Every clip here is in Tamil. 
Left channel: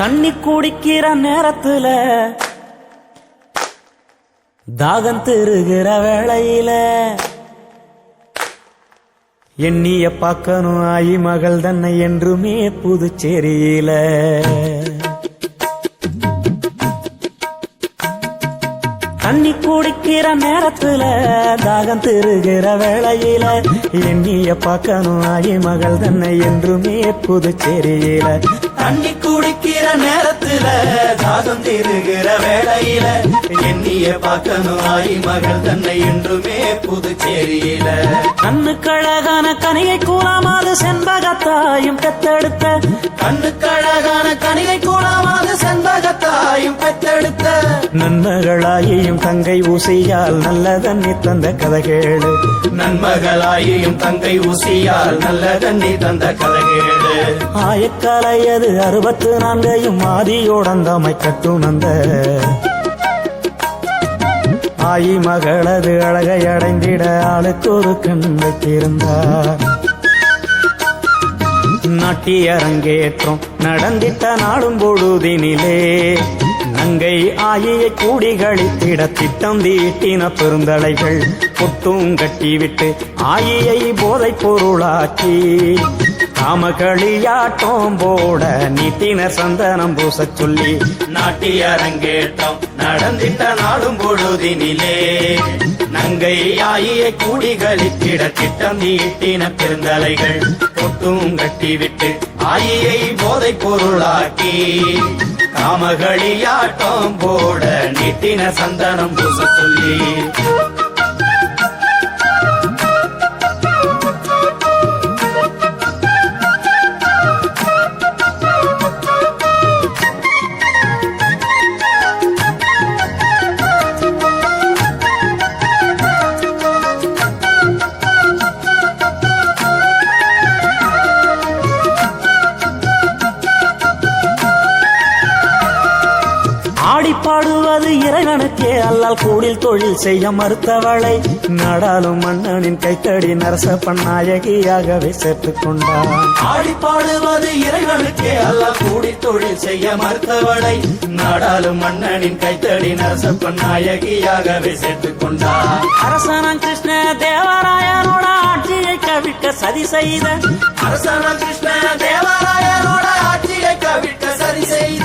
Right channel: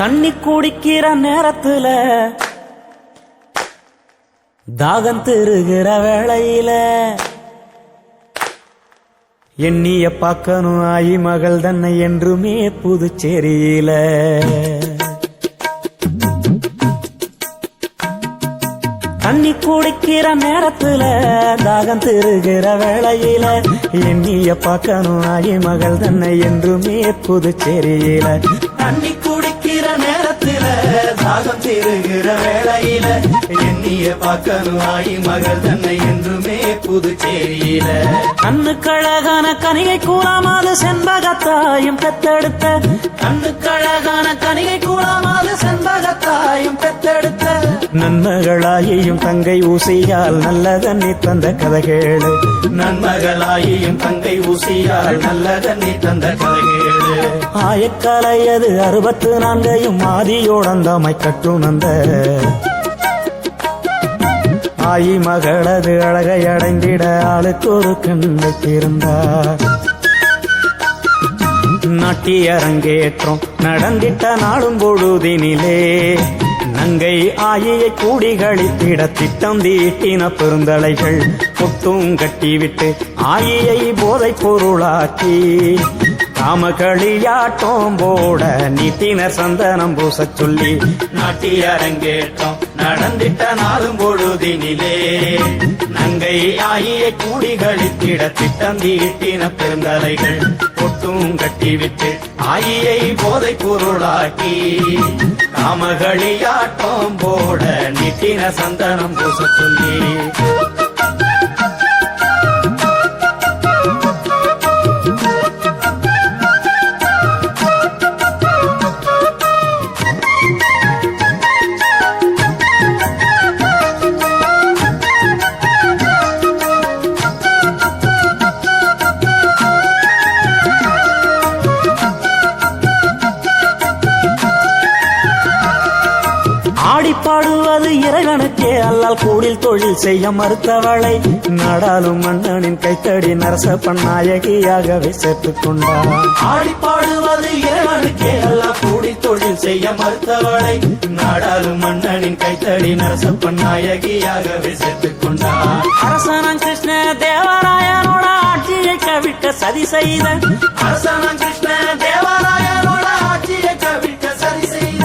தண்ணி குடிக்கிற நேரத்துல தாகம் திருகிற வேளையில எண்ணிய பார்க்கணும் ஆயி மகள் தன்னை என்றுமே புதுச்சேரியில தண்ணி குடிக்கிற நேரத்துல தாகம் திருகிற வேளையில எண்ணிய பார்க்கணும் ஆயி மகள் தன்னை என்றுமே புதுச்சேரியில தண்ணி குடிக்கிற நேரத்துல தாகம் திருகிற வேளையில எண்ணிய பார்க்கணும் ஆயி மகள் தன்னை என்றுமே புதுச்சேரியில கண்ணுக்கழகான கனிகை கூலாமாது செண்பகத்தாயும் பெத்தெடுத்த கண்ணுக்கழகான கனிகை கூலாமாது செண்பகத்தாயும் பெத்தெடுத்த நன்மகளாயும் தங்கை ஊசியால் நல்ல தண்ணி தந்த கதைகேளு நன்மகளாயும் தங்கை ஊசியால் நல்ல தண்ணி தந்த கதைகேளு ஆயக்கலையது 64 ஆதியோடந்தாமை கட்டுணந்த ஆயி மகளது அழகை அடைந்திட ஆளுக்கு ஒரு கண் வைத்திருந்தார் நாட்டிய அரங்கேற்றம் நடந்திட்ட நாளும் பொழுதினிலே நங்கை ஆயியை கூடி கழித்திட திட்டம் தீட்டின பெருந்தலைகள் பொட்டும் கட்டிவிட்டு ஆயியை போதைப் பொருளாக்கி காமகளியாட்டம் போட நீட்டினர் சந்தனம் பூச சொல்லி நாட்டிய அரங்கேற்றம் நடந்திட்ட நாளும் பொழுதினிலே நங்கை ஆயியை கூடி கழித்திட திட்டம் தீட்டின பெருந்தலைகள் பொட்டும் கட்டிவிட்டு ஆயியை போதைப் பொருளாக்கி காமகளியாட்டம் போட நீட்டின சந்தனம் பூச சொல்லி ஆடிப்பாடுவது இறைவனுக்கே அல்லால் கூடில் தொழில் செய்ய மறுத்தவளை நாடாளும் மன்னனின் கைத்தடி நரசப்பன் நாயகியாகவே சேர்த்துக் கொண்டான் ஆடிப்பாடுவது இறைவனுக்கே அல்லால் கூடில் தொழில் செய்ய மறுத்தவளை நாடாளும் மன்னனின் கைத்தடி நரசப்பன் நாயகியாகவே சேர்த்துக் கொண்டான் அரசனாம் கிருஷ்ண தேவராயனோட ஆட்சியை கவிழ்க்க சதி செய்த அரசனாம் கிருஷ்ண தேவராயனோட ஆட்சியை கவிழ்க்க சதி செய்த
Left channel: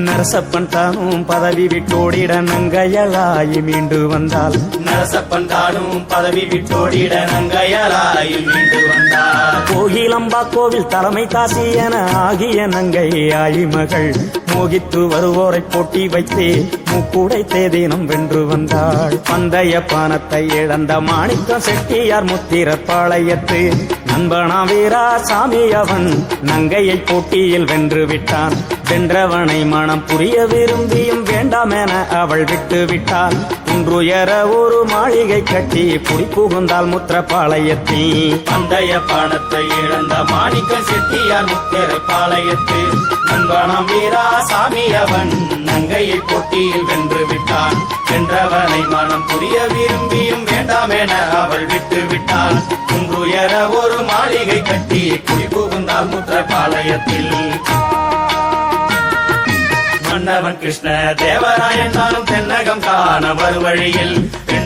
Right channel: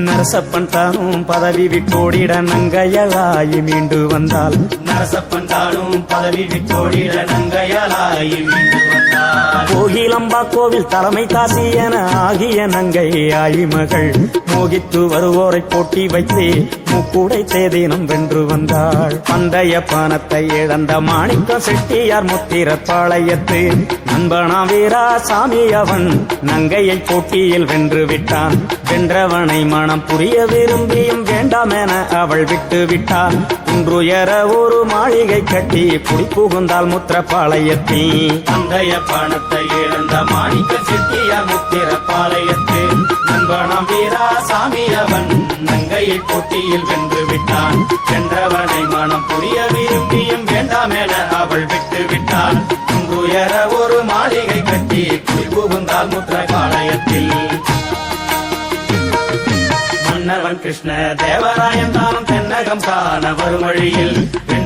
நரசப்பன் தானும் பதவி விட்டோடிட நங்கையலாயி மீண்டு வந்தால் நரசப்பன் தானும் பதவி விட்டோடிட நங்கையலாயி மீண்டு வந்தால் கோகிலம்பா கோவில் தலைமை தாசி என ஆகிய நங்கை ஆயி மகள் மோகித்து வருவோரை போட்டி வைத்து முக்குடை தேதினம் வென்று வந்தாள் பந்தய பானத்தை இழந்த மாணிக்கம் செட்டியார் முத்திர பாளையத்து நண்பனா வீரா சாமி அவன் நங்கையை போட்டியில் வென்று விட்டான் வென்றவனை மனம் புரிய விரும்பியும் வேண்டாம் என அவள் விட்டு விட்டாள் குன்றுயர ஒரு மாளிகை கட்டி புடி புகுந்தால் முத்திரப்பாளையத்தில் பந்தய பானத்தை இழந்த மாணிக்க செட்டியார் முத்திரப்பாளையத்து நண்பனாம் வீரா சாமி அவன் நங்கையை போட்டியில் வென்று விட்டான் வென்றவனை மனம் புரிய விரும்பியும் வேண்டாம் என அவள் விட்டு விட்டான் குன்றுயர ஒரு மாளிகை கட்டி புடி புகுந்தால் முத்திரப்பாளையத்தில் மன்னவன் கிருஷ்ண தேவராயன் தானும் தென்னகம் காண வரும் வழியில்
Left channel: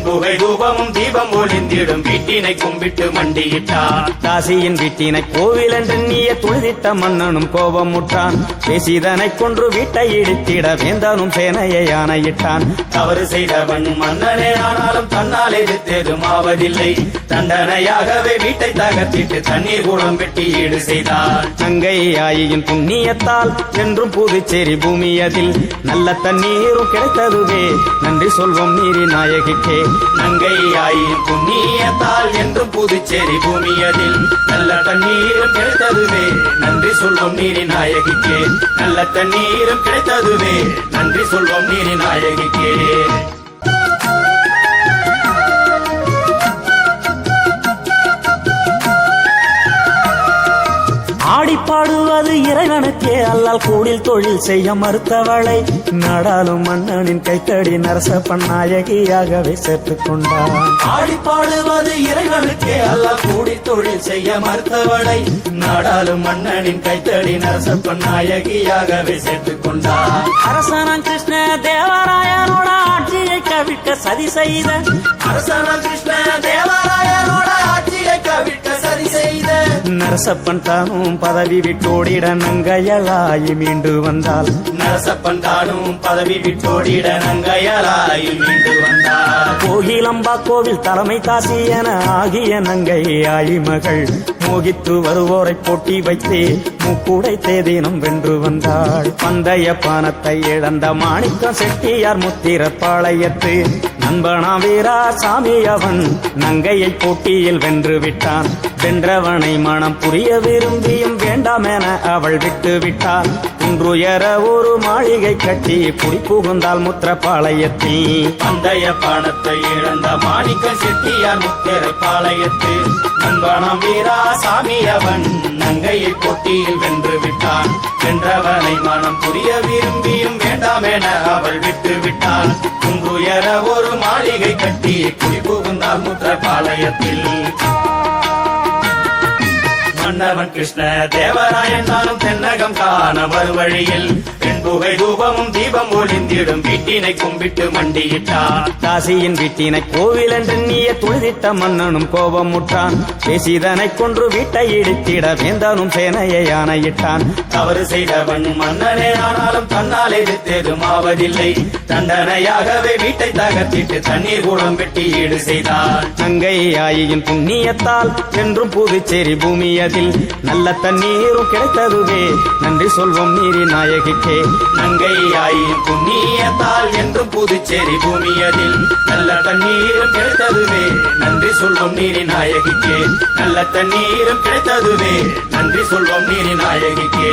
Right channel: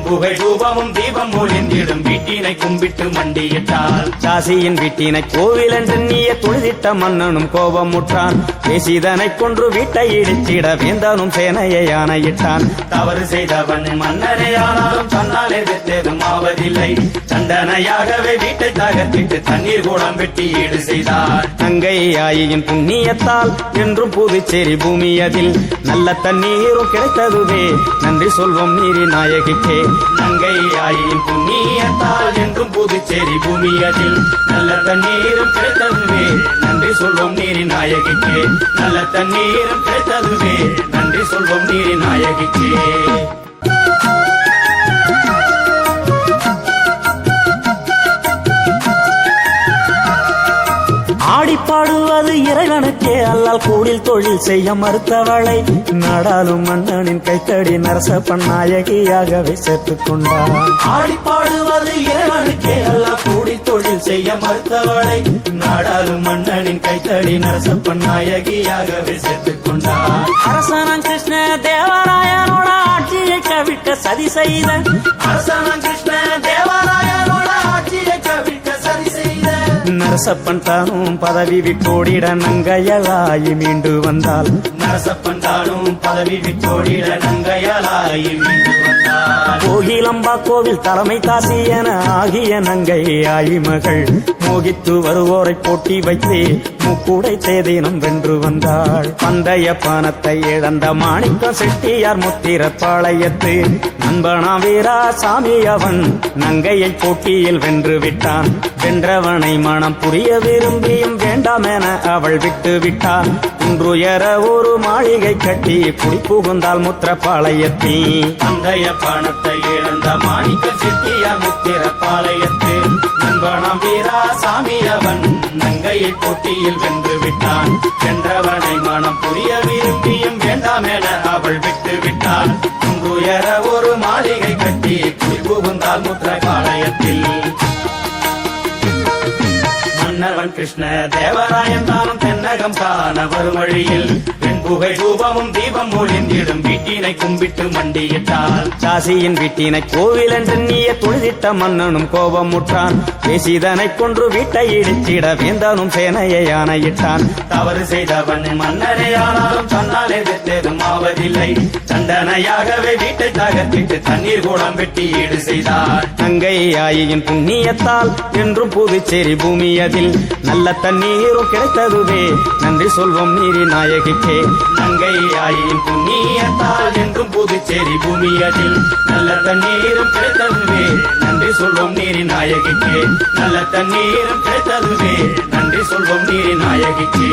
புகை தூபமும் தீபம் ஒளிந்திடும் வீட்டினை கும்பிட்டு மண்டியிட்டான் தாசியின் வீட்டினை கோவில் என்று நீய தொழுதிட்ட மன்னனும் கோபம் முற்றான் பேசிதனை கொன்று வீட்டை இடித்திட வேந்தனும் சேனையை ஆணையிட்டான் தவறு செய்தவன் மன்னனே ஆனாலும் தன்னால் எதிர்த்ததும் ஆவதில்லை தண்டனையாகவே வீட்டை தகர்த்திட்டு தண்ணீர் கூடம் வெட்டி ஈடு செய்தார் நங்கை ஆயின் புண்ணியத்தால் என்றும் புதுச்சேரி பூமியதில் நல்ல தண்ணீரும் கிடைத்ததுவே நன்றி சொல்வோம் நீரி நாயகிக்கே நங்கை ஆயின் புண்ணியத்தால் என்றும் புதுச்சேரி பூமியதில் நல்ல தண்ணீரும் கிடைத்ததுவே நன்றி சொல்வோம் நீரின் நாயகிக்கே நல்ல தண்ணீரும் கிடைத்ததுவே நன்றி சொல்வோம் நீரின் நாயகிக்கே ஆடி பாடுவது இறைவனுக்கே அல்லால் கூடில் தொழில் செய்ய மறுத்தவளை நாடாளும் மன்னனின் கைத்தடி நரசப்பன் நாயகியாகவே சேர்த்துக் கொண்டான். ஆடி பாடுவது இறைவனுக்கே அல்லால் கூடில் தொழில் செய்ய மறுத்தவளை நாடாளும் மன்னனின் கைத்தடி நரசப்பன் நாயகியாகவே சேர்த்துக் கொண்டான். அரசனாம் கிருஷ்ண தேவராயனோட ஆட்சியை கவிழ்க்க சதி செய்த அரசனாம் கிருஷ்ண தேவராயனோட ஆட்சியை கவிழ்க்க சதி செய்த நரசப்பன் தானும் பதவி விட்டோடிட நங்கையலாயி மீண்டு வந்தால் நரசப்பன் தானும் பதவி விட்டோடிட நங்கையலாயி மீண்டு வந்தால் கோகிலம்பா கோவில் தலைமை தாசி என ஆகிய நங்கை ஆயி மகள் மோகித்து வருவோரை போட்டி வைத்து முக்குடை தேதினம் வென்று வந்தாள். பந்தய பானத்தை இழந்த மாணிக்கம் செட்டியார் முத்திர பாளையத்து நண்பனா வீரா சாமி அவன் நங்கையை போட்டியில் வென்று விட்டான். வென்றவனை மனம் புரிய விரும்பியும் வேண்டாம் என அவள் விட்டு விட்டாள். குன்றுயர ஒரு மாளிகை கட்டி புடி புகுந்தால் முத்திரப்பாளையத்தில் பந்தய பானத்தை இழந்த மாணிக்கம் செட்டியார் முத்திர பாளையத்து நண்பனாம் வீரா சாமி அவன் நங்கையை போட்டியில் வென்று விட்டான். வென்றவனை மனம் புரிய விரும்பியும் வேண்டாம் என அவள் விட்டு விட்டான். குன்றுயர ஒரு மாளிகை கட்டி புடி புகுந்தால் முத்திரப்பாளையத்தில் மன்னவன் கிருஷ்ண தேவராயன் தானும் தென்னகம் காண வரும் வழியில் புகை தூபமும் தீபம் ஒளிந்திடும் வீட்டினை கும்பிட்டு மண்டியிட்டான். தாசியின் வீட்டினை கோவில் என்று நீய தொழுதிட்ட மன்னனும் கோபம் முற்றான். பேசிதனை கொன்று வீட்டை இடித்திட வேந்தனும் சேனையை ஆணையிட்டான். தவறு செய்தவன் மன்னனே ஆனாலும் தன்னால் எதிர்த்ததும் ஆவதில்லை. தண்டனையாகவே வீட்டை தகர்த்திட்டு தண்ணீர் கூடம் வெட்டி ஈடு செய்தார். நங்கை ஆயின் புண்ணியத்தால் என்றும் புதுச்சேரி பூமியதில் நல்ல தண்ணீரும் கிடைத்ததுவே நன்றி சொல்வோம் நீரி நாயகிக்கே. நங்கை ஆயின் புண்ணியத்தால் என்றும் புதுச்சேரி பூமியதில் நல்ல தண்ணீரும் கிடைத்ததுவே நன்றி சொல்வோம் நீரின் நாயகிக்கே. நல்ல தண்ணீரும் கிடைத்ததுவே நன்றி சொல்வோம் நீரின் நாயகிக்கே.